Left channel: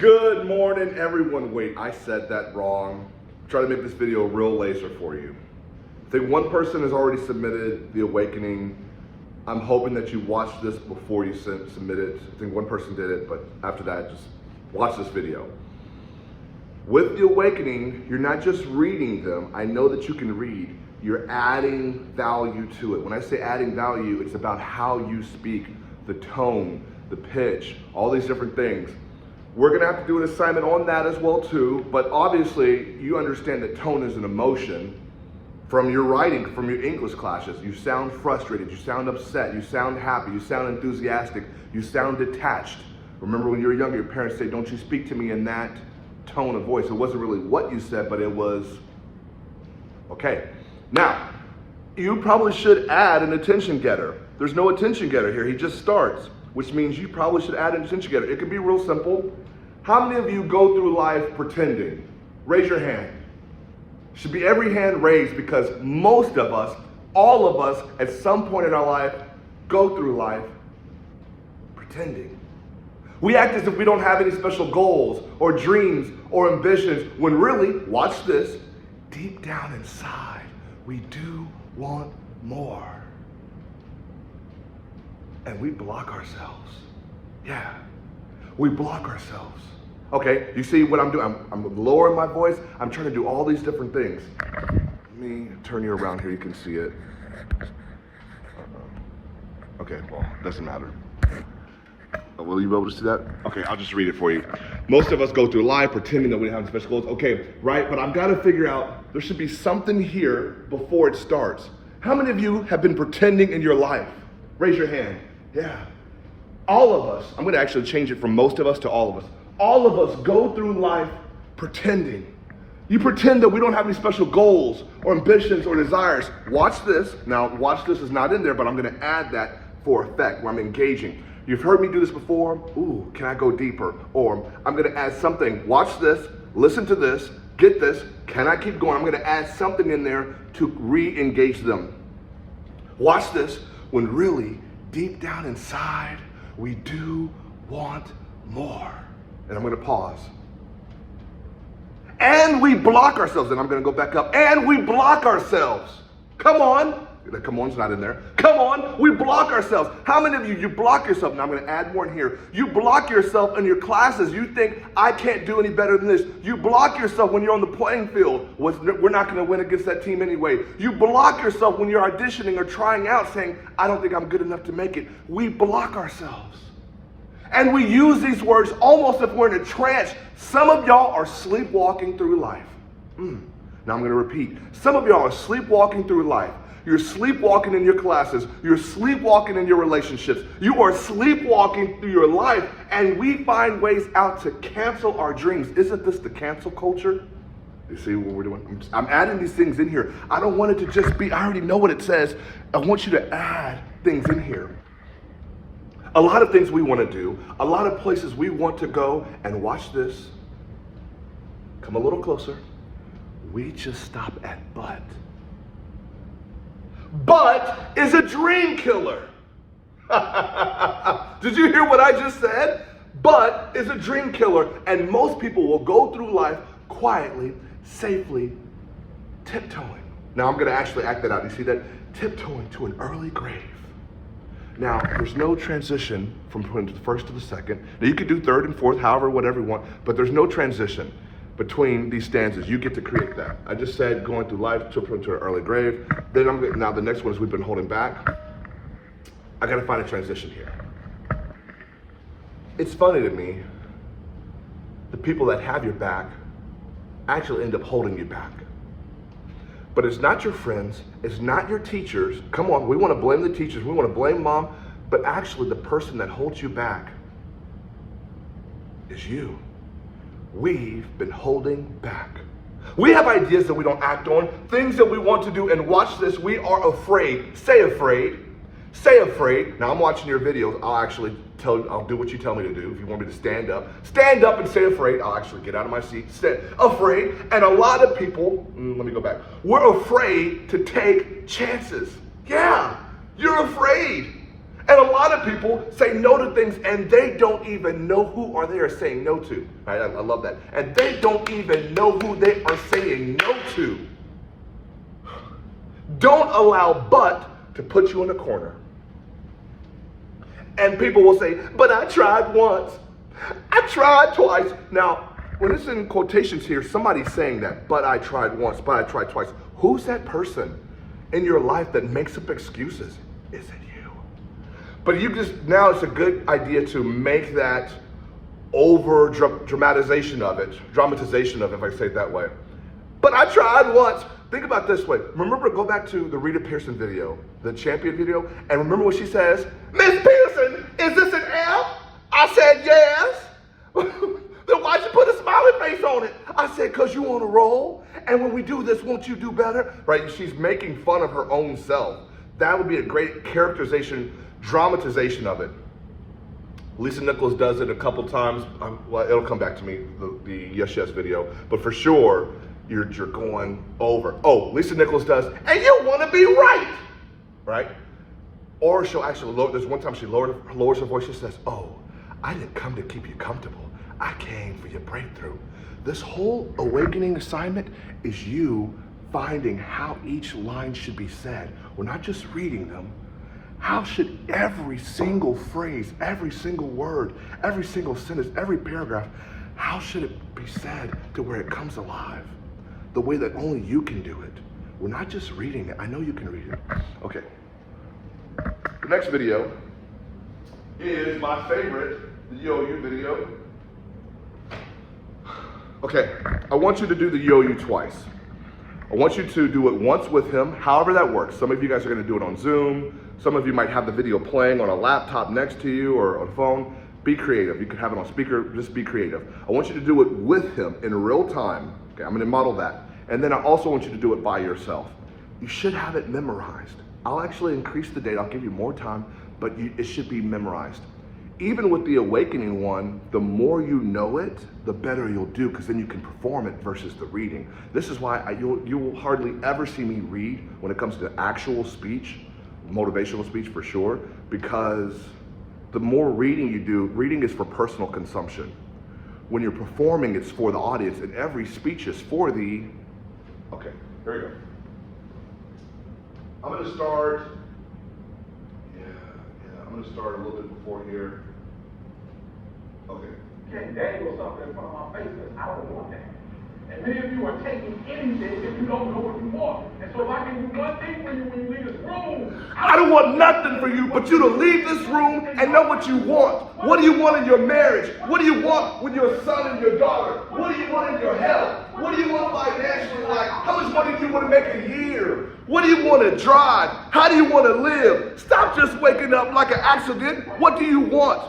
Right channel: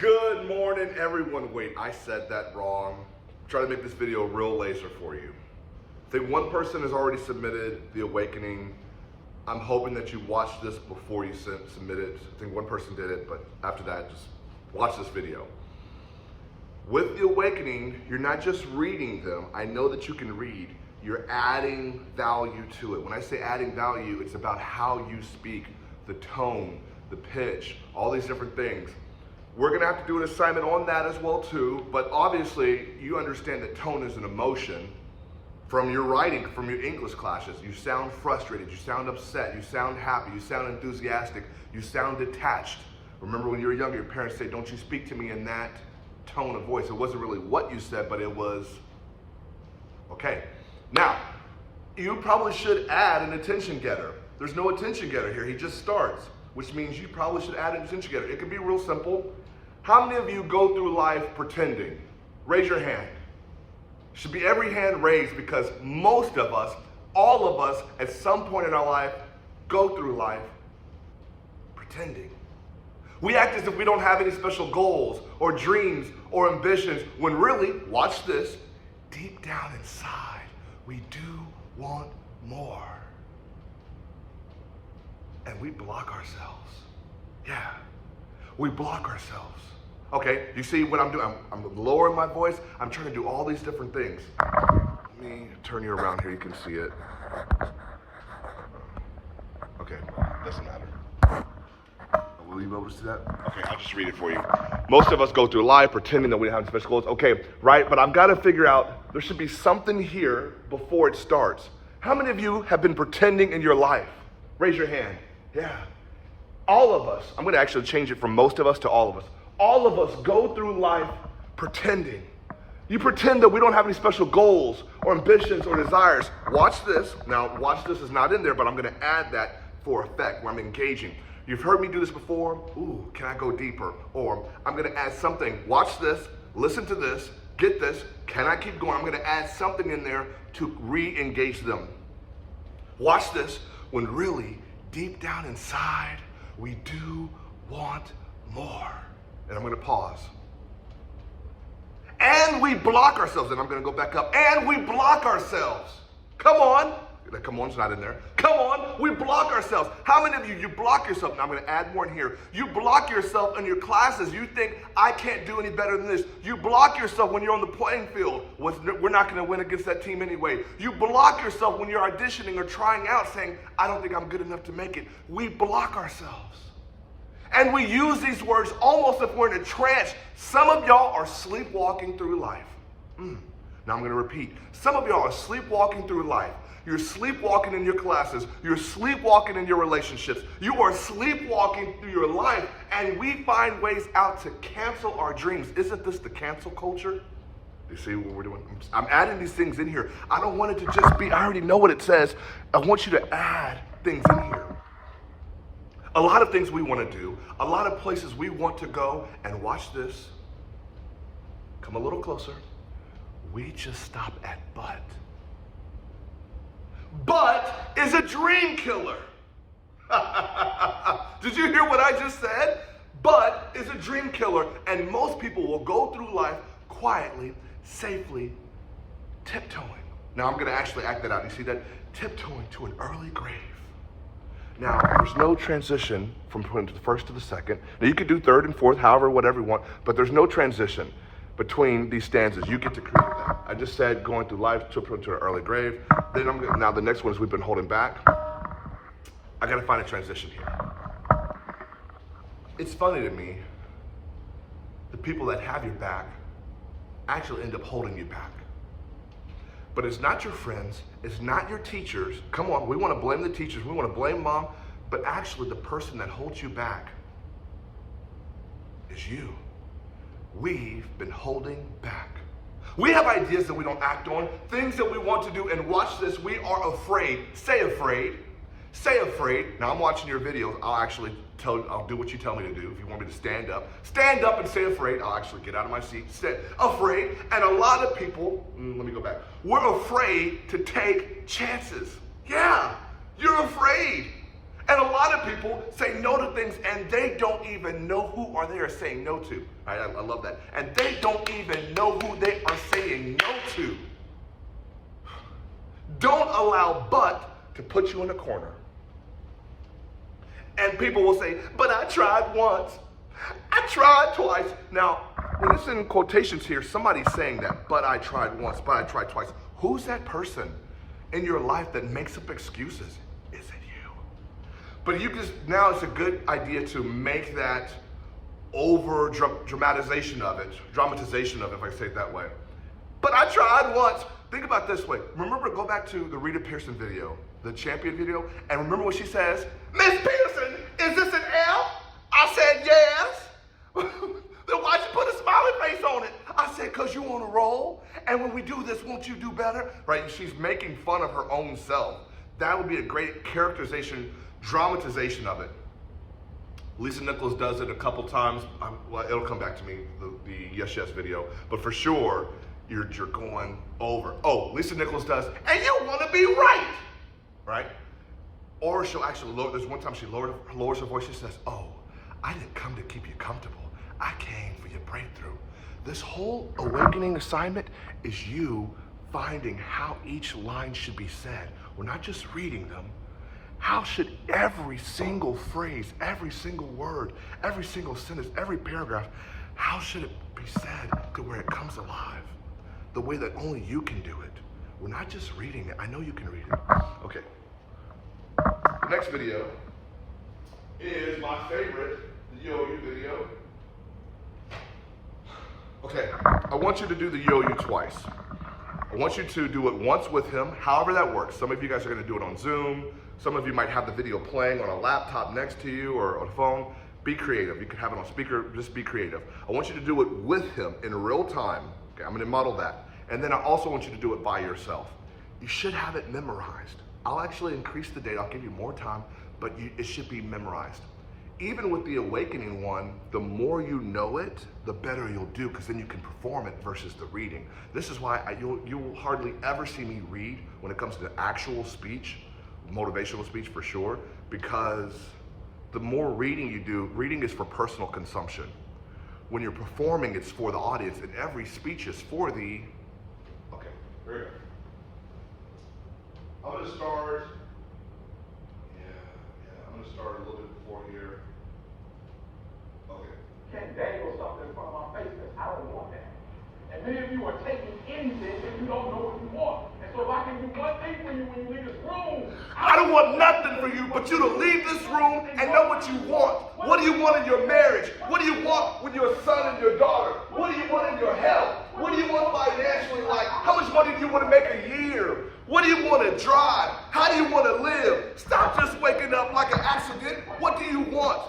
Good morning, everyone. Wait, I said that wrong. Try to make this video real laser for you. I think one person has already submitted The Awakening. I'm hoping that you watch this before you submit it. I think one person did it, but after that, just watch this video. With The Awakening, you're not just reading them. I know that you can read. You're adding value to it. When I say adding value, it's about how you speak, the tone, the pitch, all these different things. We're gonna have to do an assignment on that as well too, but obviously you understand that tone is an emotion from your writing, from your English classes. You sound frustrated, you sound upset, you sound happy, you sound enthusiastic, you sound detached. Remember when you were younger, your parents say, don't you speak to me in that tone of voice. It wasn't really what you said, but it was, okay. Now, you probably should add an attention getter. There's no attention getter here, he just starts, which means you probably should add an attention getter. It could be real simple. How many of you go through life pretending? Raise your hand. Should be every hand raised, because most of us, all of us, at some point in our life, go through life pretending. We act as if we don't have any special goals or dreams or ambitions, when really, watch this, deep down inside, we do want more. And we block ourselves. Yeah, we block ourselves. Okay, you see what I'm doing? I'm lowering my voice. I'm trying to do all these different things. Let me turn you around here, you can see it. Okay, well, doesn't matter. Will you be able to see that? Okay, I'll just read it for you. Most of us go through life pretending that we have special goals. Okay, right, but I've got to figure out, there should be something here before it starts. How many of you have been pretending in your life? Raise your hand. Yeah. All of us, I'm going to actually change it from most of us to all of us. All of us go through life pretending. You pretend that we don't have any special goals or ambitions or desires. Watch this. Now, watch this is not in there, but I'm going to add that for effect, where I'm engaging. You've heard me do this before. Ooh, can I go deeper? Or I'm going to add something. Watch this. Listen to this. Get this. Can I keep going? I'm going to add something in there to re-engage them. Watch this. When really, deep down inside, we do want more. And I'm going to pause. And we block ourselves. And I'm going to go back up. And we block ourselves. Come on. The come on's not in there. Come on. We block ourselves. How many of you block yourself? Now I'm going to add more in here. You block yourself in your classes. You think, I can't do any better than this. You block yourself when you're on the playing field. We're not going to win against that team anyway. You block yourself when you're auditioning or trying out, saying, I don't think I'm good enough to make it. We block ourselves. And we use these words almost if we're in a trance. Some of y'all are sleepwalking through life. Now I'm going to repeat. Some of y'all are sleepwalking through life. You're sleepwalking in your classes. You're sleepwalking in your relationships. You are sleepwalking through your life, and we find ways out to cancel our dreams. Isn't this the cancel culture? You see what we're doing? I'm adding these things in here. I don't want it to just be, I already know what it says. I want you to add things in here. A lot of things we want to do, a lot of places we want to go, and watch this. Come a little closer. We just stop at but. But is a dream killer. Did you hear what I just said? But is a dream killer. And most people will go through life quietly, safely, tiptoeing. Now I'm going to actually act that out. You see that? Tiptoeing to an early grave. Now, there's no transition from the first to the second. Now you could do third and fourth, however, whatever you want, but there's no transition between these stanzas. You get to create that. I just said going through life, tiptoeing to an early grave. Then now the next one is we've been holding back. I gotta find a transition here. It's funny to me, the people that have your back actually end up holding you back. But it's not your friends, it's not your teachers. Come on, we wanna blame the teachers, we wanna blame mom, but actually the person that holds you back is you. We've been holding back. We have ideas that we don't act on, things that we want to do, and watch this, we are afraid. Say afraid. Say afraid. Now I'm watching your videos. I'll do what you tell me to do. If you want me to stand up and say afraid. I'll actually get out of my seat, say afraid. And a lot of people, let me go back. We're afraid to take chances. Yeah, you're afraid. And a lot of people say no to things and they don't even know who they are saying no to. Right? I love that. And they don't even know who they are saying no to. Don't allow but to put you in a corner. And people will say, but I tried once. I tried twice. Now, when it's in quotations here, somebody's saying that, but I tried once, but I tried twice. Who's that person in your life that makes up excuses? Is it you? But now it's a good idea to make that dramatization of it, if I say it that way. But I tried once. Think about it this way. Remember, go back to the Rita Pearson video, the champion video, and remember what she says? Miss Pearson, is this an F? I said, yes. Then why'd you put a smiley face on it? I said, because you on a roll. And when we do this, won't you do better? Right? She's making fun of her own self. That would be a great characterization, dramatization of it. Lisa Nichols does it a couple times. Well, it'll come back to me, the Yes Yes video. But for sure, you're going over. Oh, Lisa Nichols does, and you want to be right. Right? Or she'll actually there's one time she lowers her voice. She says, oh, I didn't come to keep you comfortable. I came for your breakthrough. This whole awakening assignment is you finding how each line should be said. We're not just reading them. How should every single phrase, every single word, every single sentence, every paragraph, how should it be said to where it comes alive? The way that only you can do it. We're not just reading it. I know you can read it. Okay. The next video is my favorite, the Yo-You video. Okay, I want you to do the Yo-You twice. I want you to do it once with him, however that works. Some of you guys are gonna do it on Zoom. Some of you might have the video playing on a laptop next to you or on a phone. Be creative. You can have it on speaker, just be creative. I want you to do it with him in real time. Okay, I'm gonna model that. And then I also want you to do it by yourself. You should have it memorized. I'll actually increase the date, I'll give you more time, but it should be memorized. Even with the awakening one, the more you know it, the better you'll do, because then you can perform it versus the reading. This is why you will hardly ever see me read when it comes to actual speech, motivational speech for sure, because the more reading you do, reading is for personal consumption. When you're performing, it's for the audience, and every speech is for the, okay, here we go. I'm gonna start, I'm gonna start a little bit before here. Okay. Can't dangle something in front of my face because I don't want that. And many of you are taking anything if you don't know what you want. And so if I can do one thing for you when you leave this room, I don't want nothing for you but you to leave this room and know what you want. What do you want in your marriage? What do you want with your son and your daughter? What do you want in your health? What do you want financially? Like, how much money do you want to make a year? What do you want to drive? How do you want to live? Stop just waking up like an accident. What do you want?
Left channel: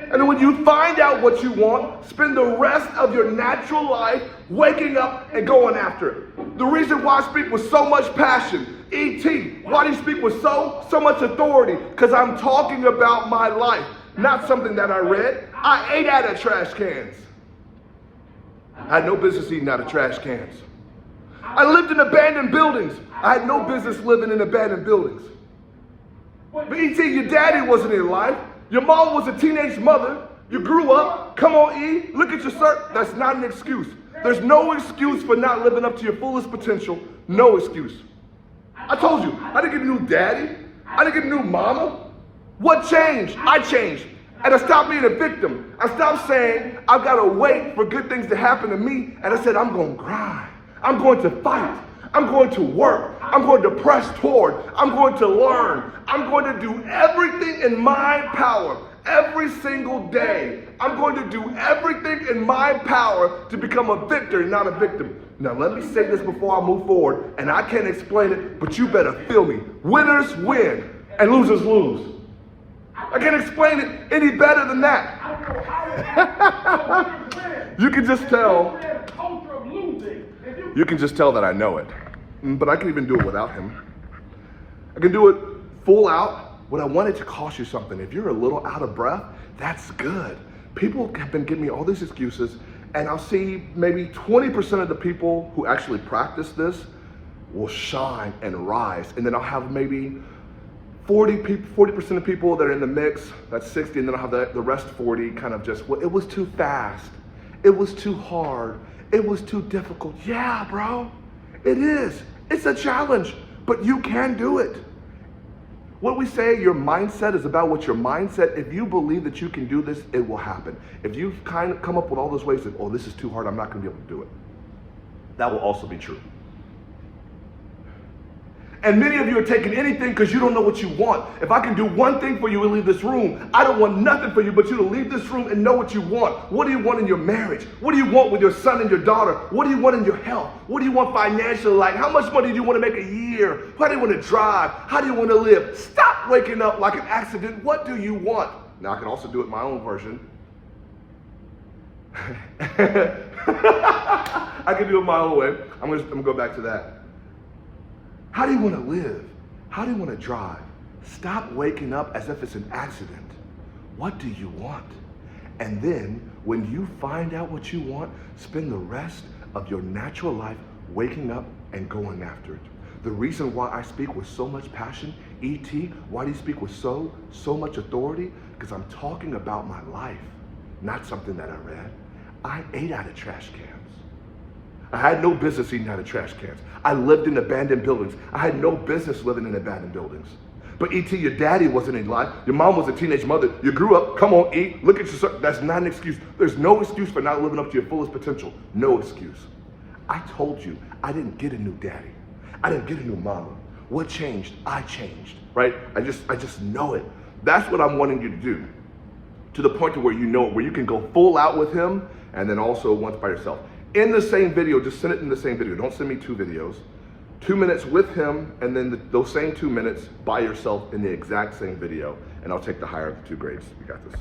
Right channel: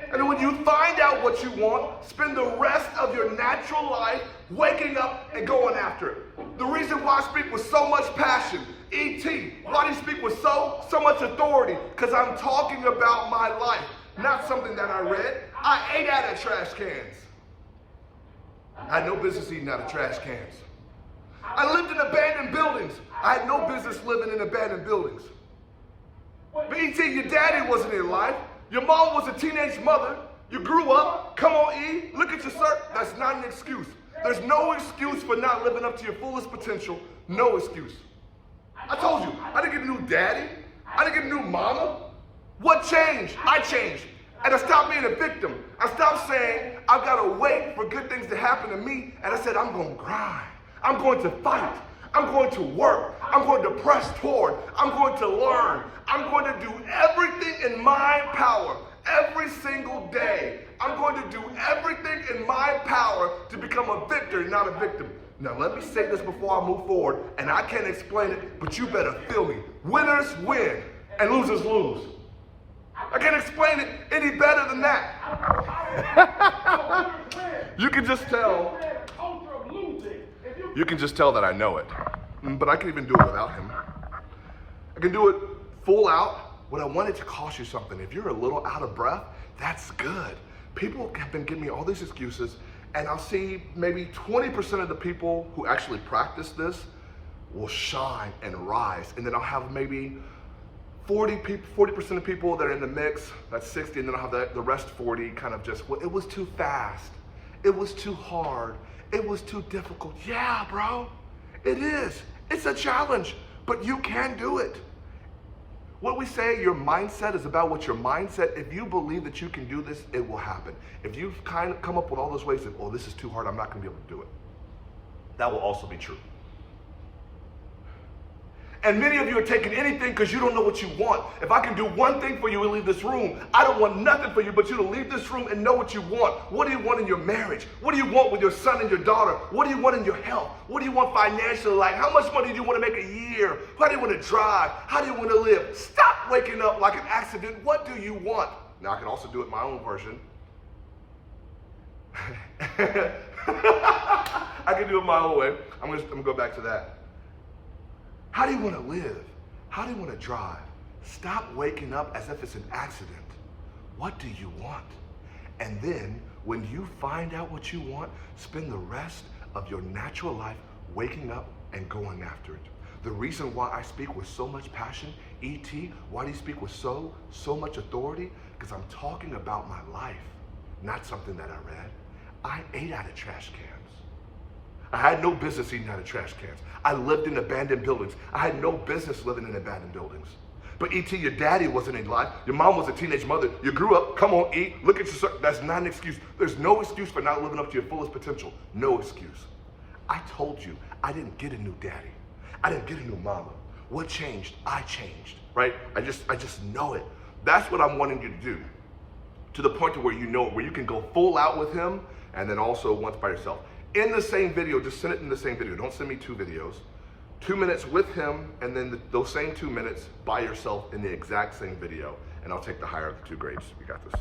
And then when you find out what you want, spend the rest of your natural life waking up and going after it. The reason why I speak with so much passion, E.T., why do you speak with so much authority? Because I'm talking about my life, not something that I read. I ate out of trash cans. I had no business eating out of trash cans. I lived in abandoned buildings. I had no business living in abandoned buildings. But E.T., your daddy wasn't in life. Your mom was a teenage mother. You grew up. Come on, E. Look at your cert. That's not an excuse. There's no excuse for not living up to your fullest potential. No excuse. I told you, I didn't get a new daddy. I didn't get a new mama. What changed? I changed. And I stopped being a victim. I stopped saying, I've got to wait for good things to happen to me. And I said, I'm going to grind. I'm going to fight. I'm going to work. I'm going to press toward. I'm going to learn. I'm going to do everything in my power every single day. I'm going to do everything in my power to become a victor, not a victim. Now, let me say this before I move forward, and I can't explain it, but you better feel me. Winners win and losers lose. I can't explain it any better than that. You can just tell. You can just tell that I know it. But I can even do it without him. I can do it full out. What I wanted to cost you something. If you're a little out of breath, that's good. People have been giving me all these excuses, and I'll see maybe 20% of the people who actually practice this will shine and rise. And then I'll have maybe 40% of people that are in the mix, that's 60, and then I'll have the rest 40 kind of just, well, it was too fast. It was too hard. It was too difficult. Yeah, bro, it is. It's a challenge, but you can do it. What we say, your mindset is about what your mindset, if you believe that you can do this, it will happen. If you kind of come up with all those ways of, oh, this is too hard, I'm not gonna be able to do it. That will also be true. And many of you are taking anything because you don't know what you want. If I can do one thing for you and leave this room, I don't want nothing for you but you to leave this room and know what you want. What do you want in your marriage? What do you want with your son and your daughter? What do you want in your health? What do you want financially? Like, how much money do you want to make a year? How do you want to drive? How do you want to live? Stop waking up like an accident. What do you want? Now, I can also do it my own version. I can do it my own way. I'm gonna go back to that. How do you want to live? How do you want to drive? Stop waking up as if it's an accident. What do you want? And then when you find out what you want, spend the rest of your natural life waking up and going after it. The reason why I speak with so much passion, E.T., why do you speak with so much authority? Because I'm talking about my life, not something that I read. I ate out of trash cans. I had no business eating out of trash cans. I lived in abandoned buildings. I had no business living in abandoned buildings. But E.T., your daddy wasn't in life. Your mom was a teenage mother. You grew up, come on, eat, look at your, that's not an excuse. There's no excuse for not living up to your fullest potential. No excuse. I told you, I didn't get a new daddy. I didn't get a new mama. What changed? I changed, right? I just know it. That's what I'm wanting you to do. To the point to where you know it, where you can go full out with him and then also once by yourself. In the same video, just send it in the same video. Don't send me 2 videos. 2 minutes with him, and then those same 2 minutes by yourself in the exact same video, and I'll take the higher of the 2 grades. You got this.